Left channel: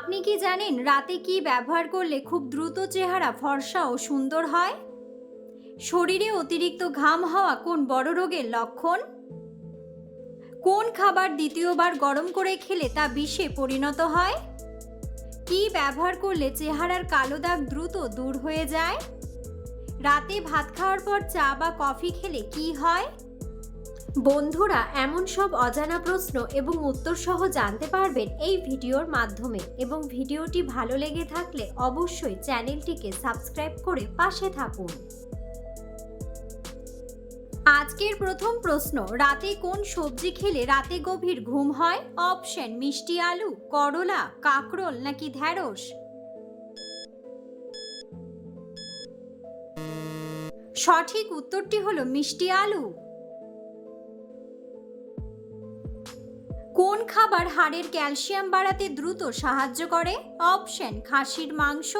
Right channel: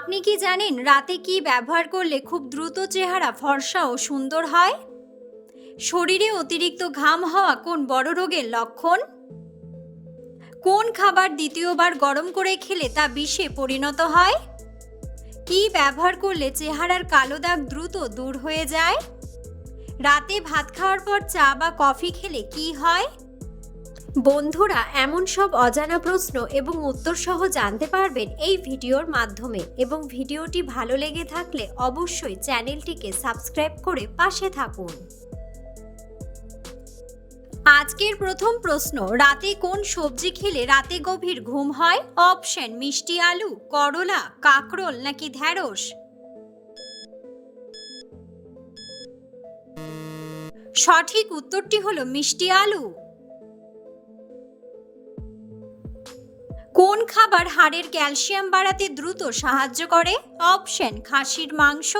আপনি কি জানেন রাতে কি ব্যবহার করলে খুব দ্রুত চেহারা ফর্সা ও সুন্দর হয়? শরীরে অতিরিক্ত ঘাম হওয়া কোন বড় রোগের লক্ষণ? কোন খাবার দ্বিতীয়বার গরম করে খেলে তা বিষে পরিণত হয়? কি ব্যবহার করলে চেহারার কালো দাগ দ্রুত দূর হয়ে যায়? রাতে ভাত খাওয়ার পর চা বা কফি খেলে কি হয়? বন্ধুরা, এমন সব অজানা প্রশ্ন এবং উত্তর সহ জানতে পারবেন এই ভিডিওর মাধ্যমে, এবং ভিডিওটি ভালো লেগে থাকলে অবশ্যই চ্যানেলটিকে সাবস্ক্রাইব করে পাশে থাকুন। আজকের প্রথম প্রশ্ন, রাতে কোন সবজি খেলে রাতে গভীর ঘুম হয়? অপশন: মিষ্টি আলু, করলা, কাঁকরোল নাকি ঢ্যাঁড়স? সঠিক উত্তরটি হলো মিষ্টি আলু। কোন খাবার হাড়ের ক্যালসিয়াম বাড়াতে দ্রুত সাহায্য করে? অপশন: খাসির মাংস,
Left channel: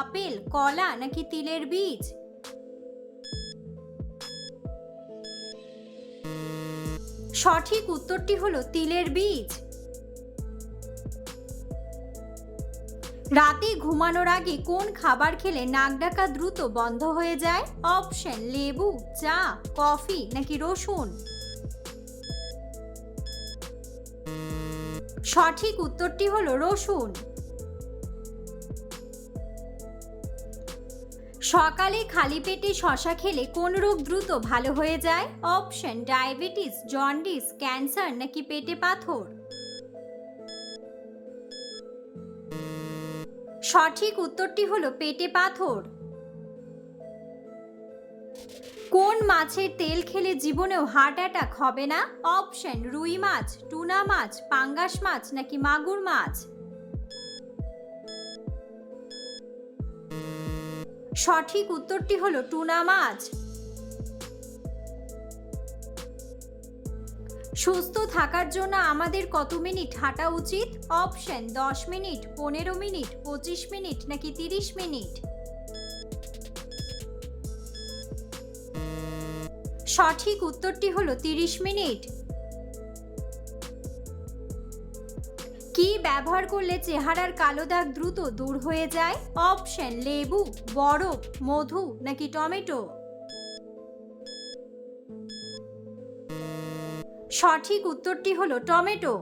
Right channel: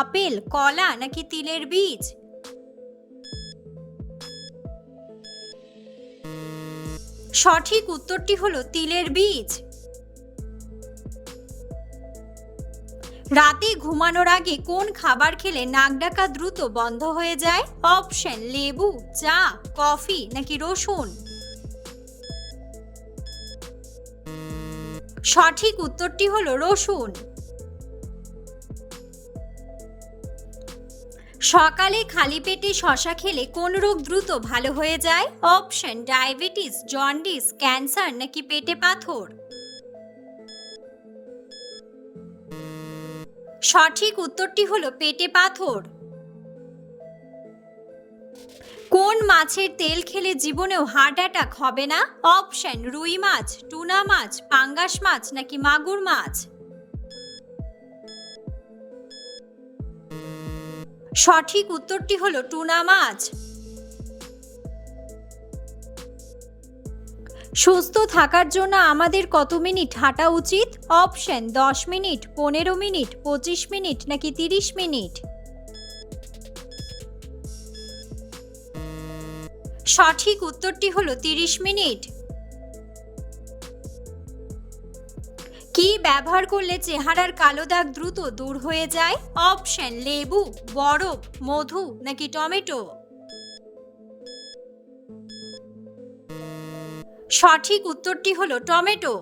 আপেল, কলা নাকি তিলের বীজ? সঠিক উত্তরটি হলো তিলের বীজ। রাতে ঘুমানোর আগে কোন খাবার খেলে নাক ডাকা দ্রুত বন্ধ হয়ে যায়? অপশন: লেবু, চা, কফি নাকি রসুন? সঠিক উত্তরটি হলো রসুন। সকালে খালি পেটে শসা খেলে কোন রোগ দ্রুত ভালো হয়ে যায়? অপশন: ডায়াবেটিস, জন্ডিস, ক্যান্সার নাকি পেটে পাথর? সঠিক উত্তরটি হলো পেটে পাথর। কোন মাছের তেল খেলে জীবনেও হার্ট অ্যাটাক হবে না? অপশন: রুই মাছ, টুনা মাছ, পাঙ্গাস মাছ নাকি মাগুর মাছ? সঠিক উত্তরটি হলো টুনা মাছ। সুস্থ থাকার জন্য আমাদের কত মিনিট হাঁটা উচিত? অপশন: 10 মিনিট, 15 মিনিট, 25 মিনিট নাকি 30 মিনিট? সঠিক উত্তরটি হলো 30 মিনিট। কি ব্যবহার করলে চেহারার কালো দাগ দ্রুত দূর হয়ে যায়? অপশন: লেবু, বরফ, মধু নাকি টমেটো? সঠিক উত্তরটি হলো টমেটো।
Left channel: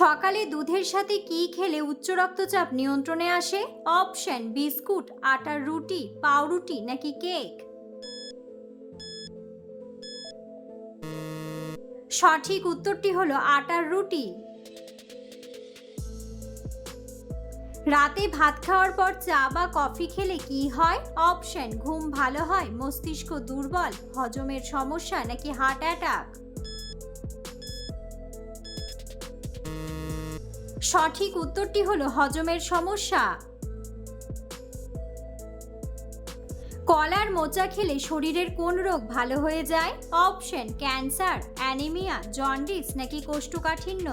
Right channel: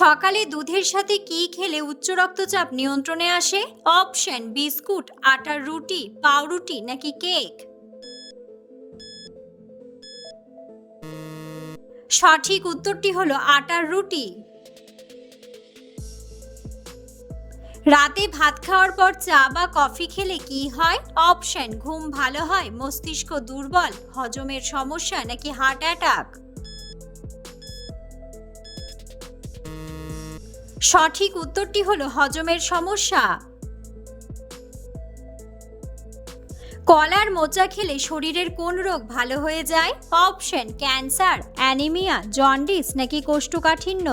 সকালে দুধের সাথে কি খেলে উচ্চ রক্তচাপ নিয়ন্ত্রণে আসে? অপশন: বিস্কুট, আটার রুটি, পাউরুটি নাকি কেক? সঠিক উত্তরটি হলো আটার রুটি। রাতে ভাত খাওয়ার পর চা বা কফি খেলে কি হয়? অপশন: ঘুম ভালো হয়, মস্তিষ্ক দুর্বল, হজমের সমস্যা নাকি হার্ট অ্যাটাক? সঠিক উত্তরটি হলো হজমের সমস্যা। কলার মোচা খেলে শরীরের কোন রোগ ভালো হয়ে যায়? অপশন: ক্যান্সার, অ্যানিমিয়া, জন্ডিস নাকি কোষ্ঠকাঠিন্য?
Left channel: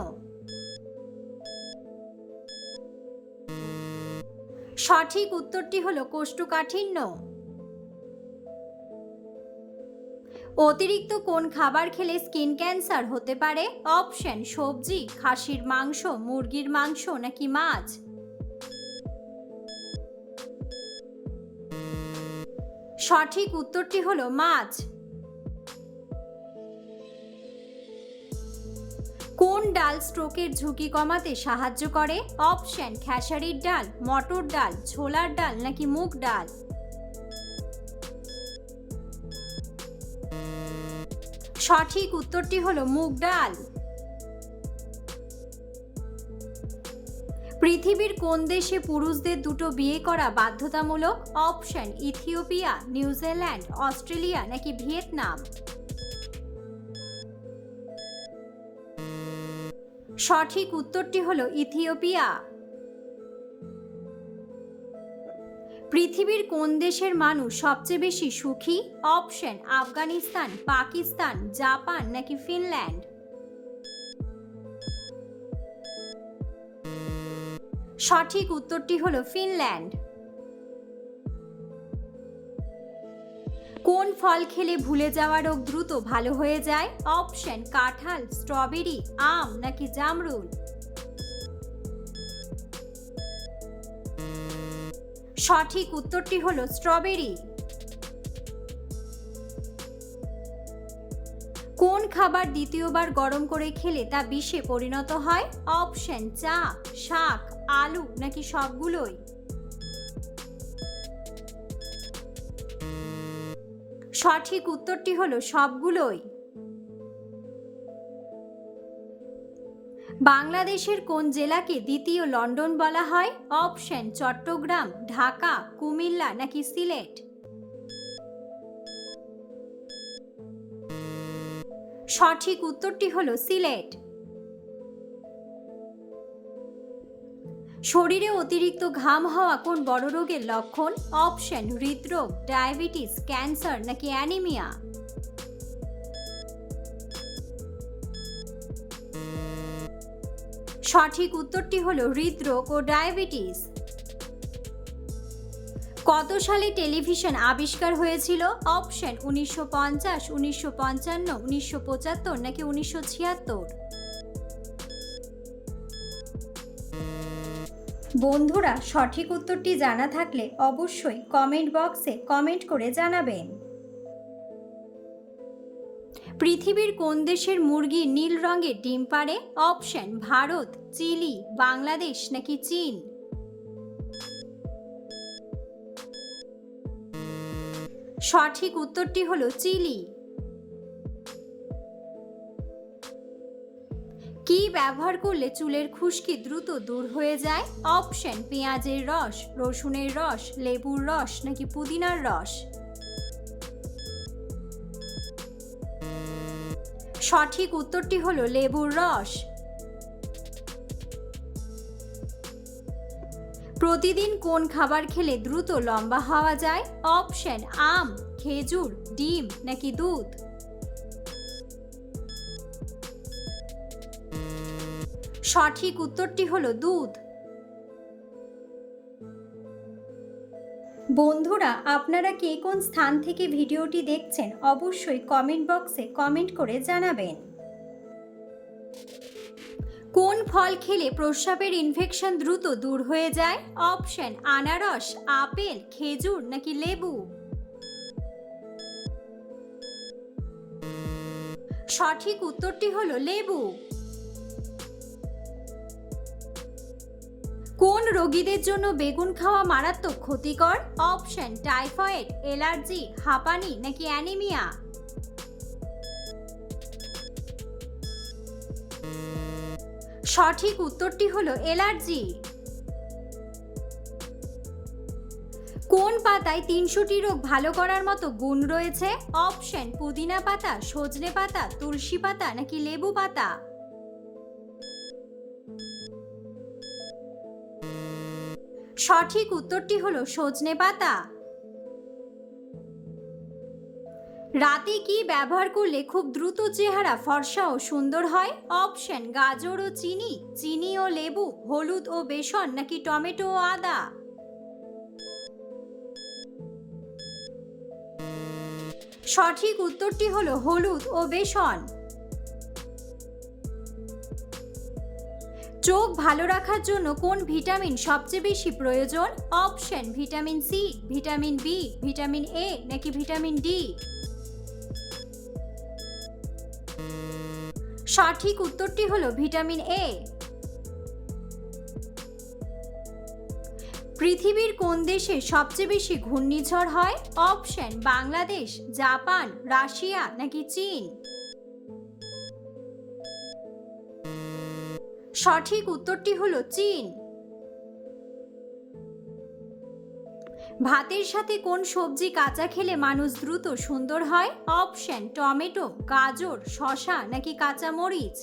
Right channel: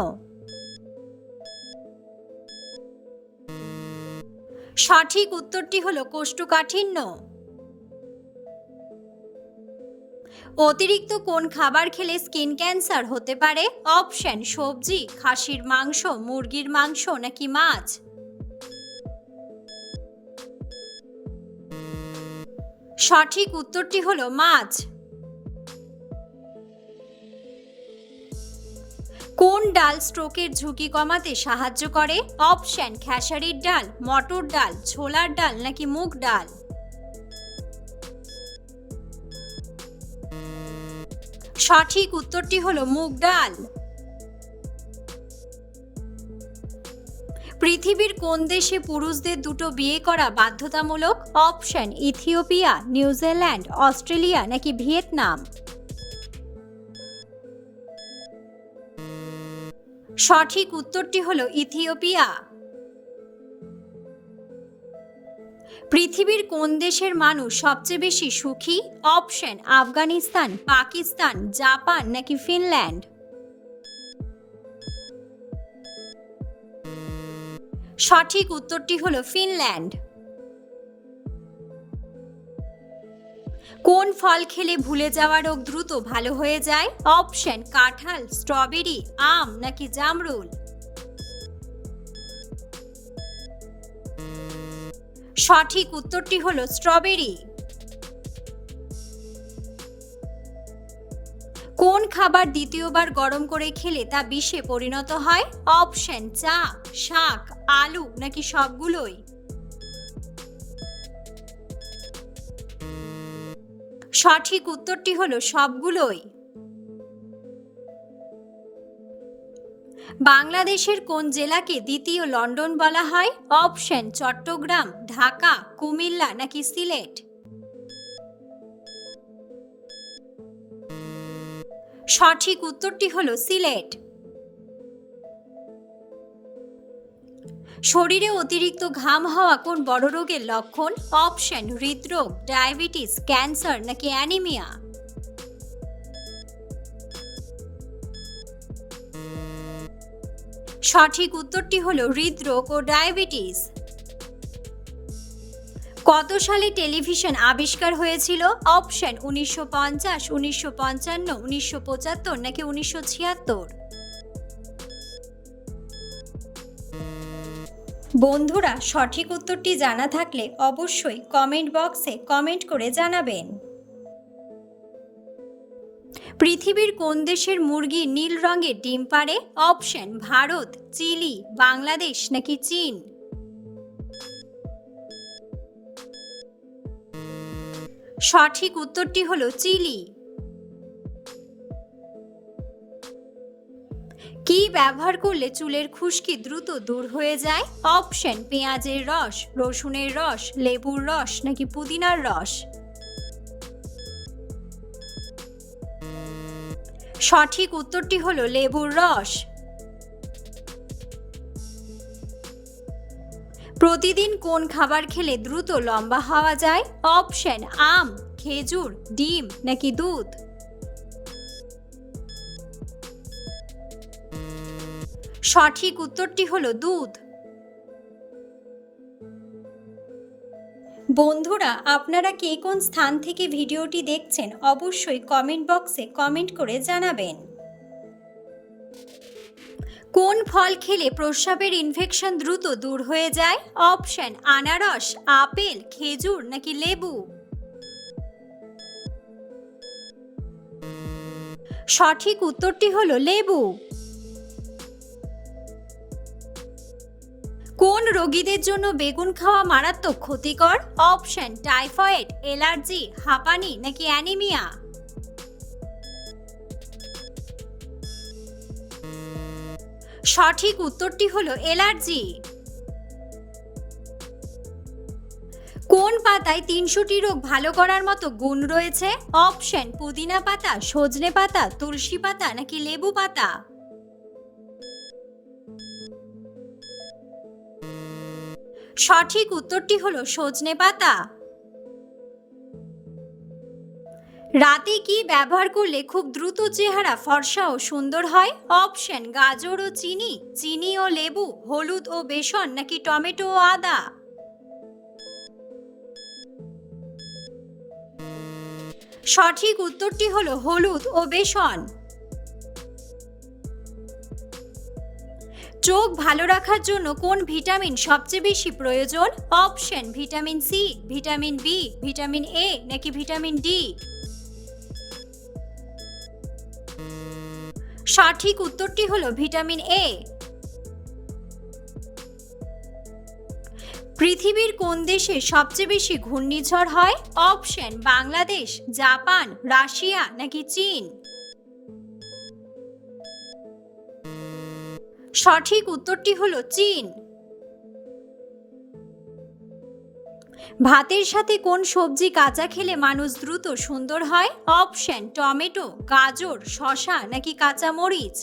সঠিক উত্তরটি হলো কোষ্ঠকাঠিন্য। অতিরিক্ত কোন খাবার খেলে স্কিন ক্যান্সার হতে পারে? অপশন: সবজি, খাসির মাংস, মুরগির মাংস নাকি মাছ? সঠিক উত্তরটি হলো মাছ। কোন ডাল স্ট্রোকের ঝুঁকি কমাতে সাহায্য করে? অপশন: খেসারির ডাল, মটর ডাল, ছোলার ডাল নাকি মুগ ডাল? সঠিক উত্তরটি হলো মুগ ডাল। পৃথিবীর কোন দেশে পুরুষদের দুটো বিয়ে করা বাধ্যতামূলক? অপশন: ইথিওপিয়া, নিউজিল্যান্ড, অস্ট্রেলিয়া নাকি ভিয়েতনাম? সঠিক উত্তরটি হলো ইথিওপিয়া। পৃথিবীর কোন দেশের মানুষ সবচেয়ে বেশি সুখী? অপশন: আফগানিস্তান, পাকিস্তান, জাপান নাকি ফিনল্যান্ড? সঠিক উত্তরটি হলো ফিনল্যান্ড। কোন ফল খেলে ভুলে যাওয়া রোগ দ্রুত ভালো হয়ে যায়? অপশন কাঁঠাল, স্ট্রবেরি, আম নাকি জামরুল। সঠিক উত্তরটি হলো স্ট্রবেরি। কোন খাবার দ্বিতীয়বার গরম করে খেলে তা বিষে পরিণত হয়? অপশন চা, শাক, আলু নাকি সবগুলোই। সঠিক উত্তরটি হলো সবগুলোই। বাংলাদেশের কোন জেলাকে দ্বিতীয় লন্ডন বলা হয়? অপশন চট্টগ্রাম, ঢাকা, কুমিল্লা নাকি সিলেট। সঠিক উত্তরটি হলো সিলেট। শরীরে অতিরিক্ত ঘাম হওয়া কোন বড় রোগের লক্ষণ? অপশন হৃদরোগ, ডায়াবেটিস, ক্যান্সার নাকি অ্যানিমিয়া। সঠিক উত্তরটি হলো হৃদরোগ ও ডায়াবেটিস। কত সালে টেলিভিশন আবিষ্কার হয়েছিল? অপশন 1950, 1955, 1975 নাকি 1976। বন্ধুরা, সঠিক উত্তরটি জানা থাকলে অবশ্যই কমেন্ট বক্সে কমেন্ট করে জানাবেন। পৃথিবীর কোন দেশের মুরগি নীল রঙের ডিম পাড়ে? অপশন ভারত, চিলি, বাংলাদেশ নাকি চীন। সঠিক উত্তরটি হলো চিলি। কি ব্যবহার করলে চুলের খুশকি দ্রুত দূর হয়ে যায়? অপশন পেঁয়াজের রস, রসুনের রস, লেবুর রস নাকি পুদিনার রস। সঠিক উত্তরটি হলো লেবুর রস। প্রতিদিন কোন খাবার খেলে দ্রুত লম্বা হওয়া যায়? অপশন আম, খেজুর, ডিম নাকি দুধ। সঠিক উত্তরটি হলো দুধ। বন্ধুরা, আপনারা কে কোন স্থান থেকে ভিডিওটি দেখছেন অবশ্যই কমেন্ট বক্সে কমেন্ট করে জানাবেন। কোন ফল খেলে প্রস্রাবের ইনফেকশন দ্রুত দূর হয়ে যায়? অপশন আনারস, আপেল, খেজুর নাকি লেবু। সঠিক উত্তরটি হলো লেবু। কোন রোগীদের জন্য বেগুন খাওয়া মারাত্মক ক্ষতিকর? অপশন টাইফয়েড, অ্যালার্জি, হাঁপানি নাকি অ্যানিমিয়া। সঠিক উত্তরটি হলো অ্যালার্জি। কোন পাতায় 300টি রোগ ভালো করার মতো গুণ রয়েছে? অপশন পুদিনা পাতা, সজনে পাতা, তুলসী পাতা নাকি লেবু পাতা। সঠিক উত্তরটি হলো সজনে পাতা। রাতে কি ব্যবহার করলে খুব দ্রুত চেহারা ফর্সা ও সুন্দর হয়? অপশন গাজর ও চিনি, চিনি ও লেবু, হলুদ ও বেসন নাকি টমেটো ও আদা। সঠিক উত্তরটি হলো হলুদ ও বেসন। চোখ ভালো রাখার জন্য কোন ভিটামিন সবচেয়ে বেশি প্রয়োজন? Option vitamin C, vitamin B, vitamin A নাকি ভিটামিন ডি। সঠিক উত্তরটি হলো ভিটামিন এ। পৃথিবীর কোন দেশে সবচেয়ে বেশি ঘূর্ণিঝড় হয়? অপশন বাংলাদেশ, জাপান, রাশিয়া নাকি চীন। সঠিক উত্তরটি হলো চীন। ভাতের সাথে কোন সবজি কাঁচা খেলে মানুষ দ্রুত সুন্দর হয়? অপশন টমেটো, গাজর, শসা নাকি কাঁচা মরিচ।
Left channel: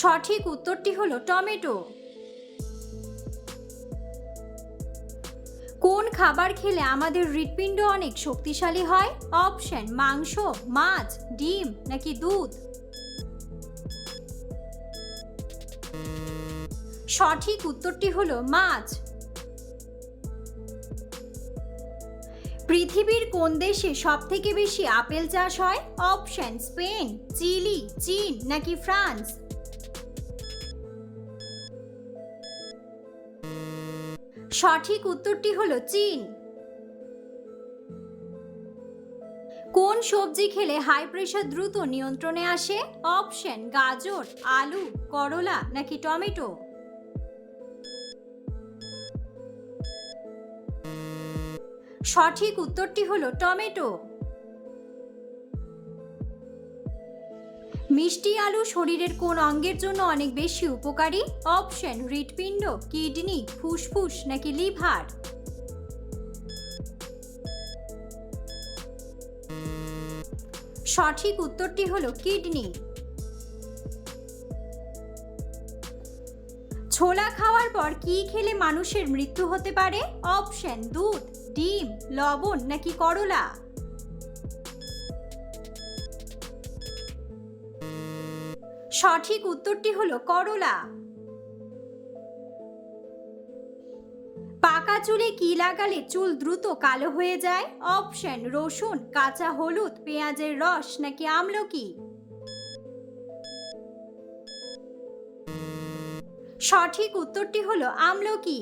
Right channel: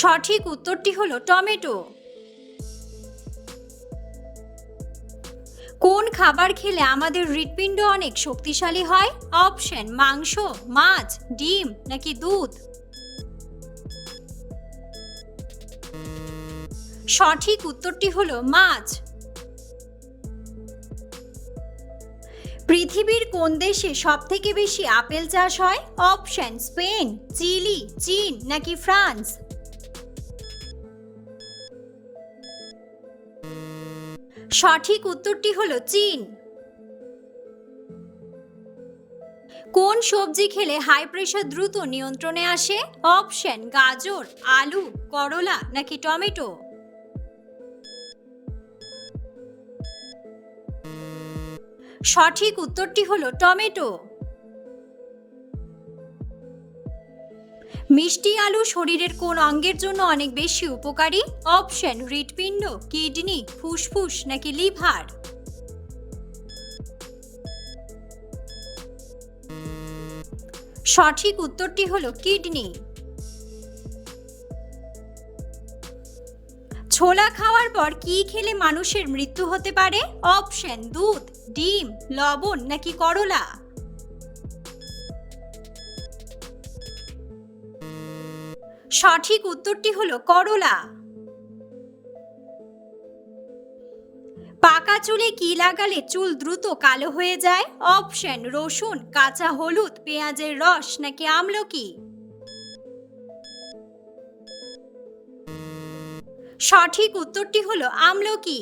সঠিক উত্তরটি হলো টমেটো। কোন খাবার খেলে আমাদের হৃৎপিণ্ড অনেক শক্তিশালী হয়? অপশন মাংস, মাছ, ডিম নাকি দুধ। সঠিক উত্তরটি হলো মাছ। পৃথিবীর কোন দেশে সবথেকে বেশি আপেল চাষ হয়? অপশন: স্পেন, চিলি, চীন নাকি ফ্রান্স। সঠিক উত্তরটি হলো চীন। কোন সবজি খেলে হাই প্রেশার দ্রুত নিয়ন্ত্রণে আসে? অপশন: গাজর, আলু, করলা নাকি টমেটো। সঠিক উত্তরটি হলো টমেটো। মিষ্টি আলু শরীরের কোন অঙ্গের জন্য অনেক বেশি উপকারী? অপশন: হৃৎপিণ্ড, কিডনি, ফুসফুস নাকি লিভার। সঠিক উত্তরটি হলো কিডনি। ছোলা খাওয়ার পর কি খেলে মানুষের মৃত্যু হতে পারে? অপশন: দুধ, ডিম, লবণ নাকি করলা। সঠিক উত্তরটি হলো করলা। পাকা চুলে কি লাগালে চুল দ্রুত কালো হয়ে যায়? অপশন: রসুন, কাঁচা হলুদ, পেঁয়াজের রস নাকি আমলকি। সঠিক উত্তরটি হলো আমলকি।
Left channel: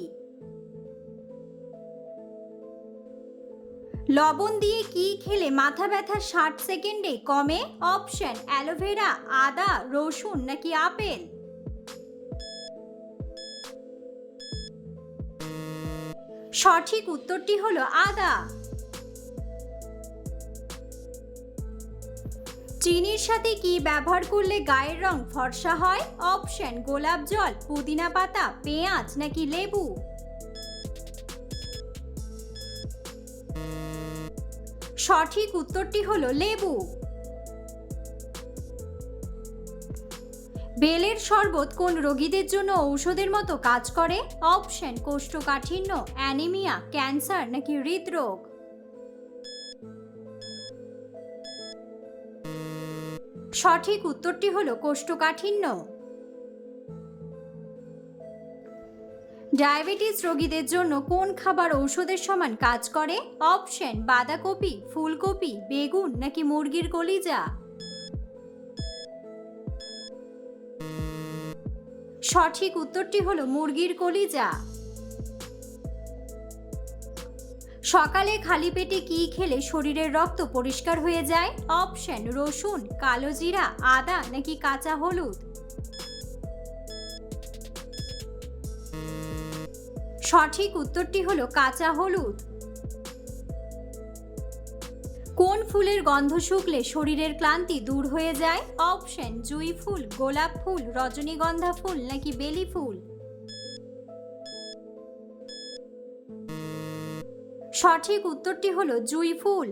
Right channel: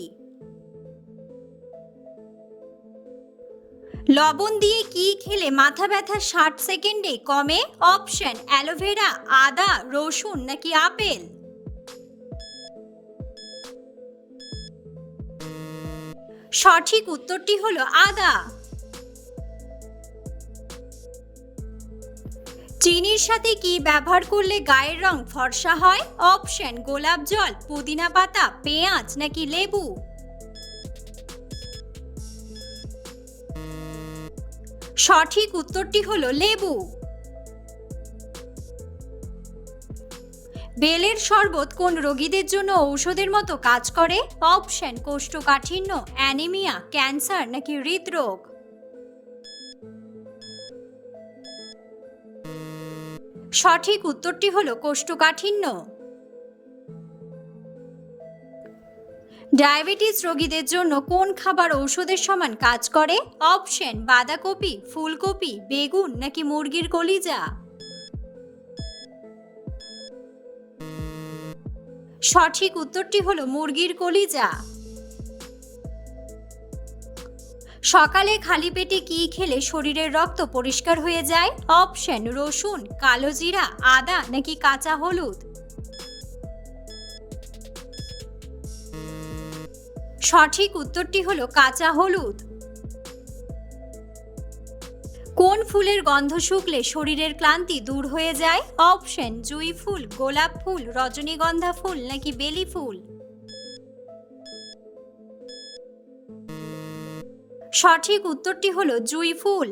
লবণ দিয়ে কি খেলে মাথা ব্যথা 60 সেকেন্ডে কমে? অপশন: অ্যালোভেরা, আদা, রসুন নাকি আপেল। সঠিক উত্তরটি হলো আদা। চিনির সাথে কি ব্যবহার করলে গায়ের রং ফর্সা হয়? অপশন: গোলাপ জল, পুদিনা পাতা, পেঁয়াজ নাকি লেবু। সঠিক উত্তরটি হলো লেবু। বেলের শরবত কোন রোগীদের জন্য ঔষধের মতো কাজ করে? অপশন: কোষ্ঠকাঠিন্য, অ্যানিমিয়া, ক্যান্সার নাকি হৃদরোগ। সঠিক উত্তরটি হলো কোষ্ঠকাঠিন্য। ডায়াবেটিস রোগীদের জন্য কোন খাবার ঔষধের সমান কাজ করে? অপশন: বাঁধাকপি, ফুলকপি, বেগুন নাকি মুরগির কলিজা। সঠিক উত্তরটি হলো মুরগির কলিজা। সকালে খালি পেটে কি খেলে শরীরের রক্ত পরিষ্কার হয়ে যায়? অপশন: রসুন, কালো জিরা, আদা নাকি কাঁচা হলুদ। সঠিক উত্তরটি হলো কাঁচা হলুদ। কোন ফুলের গন্ধ শুকলে শরীরের ক্লান্তি দূর হয়ে যায়? অপশন: জুঁই ফুল, গোলাপ ফুল, রজনীগন্ধা ফুল নাকি বেলি ফুল। সঠিক উত্তরটি হলো জুঁই ফুল।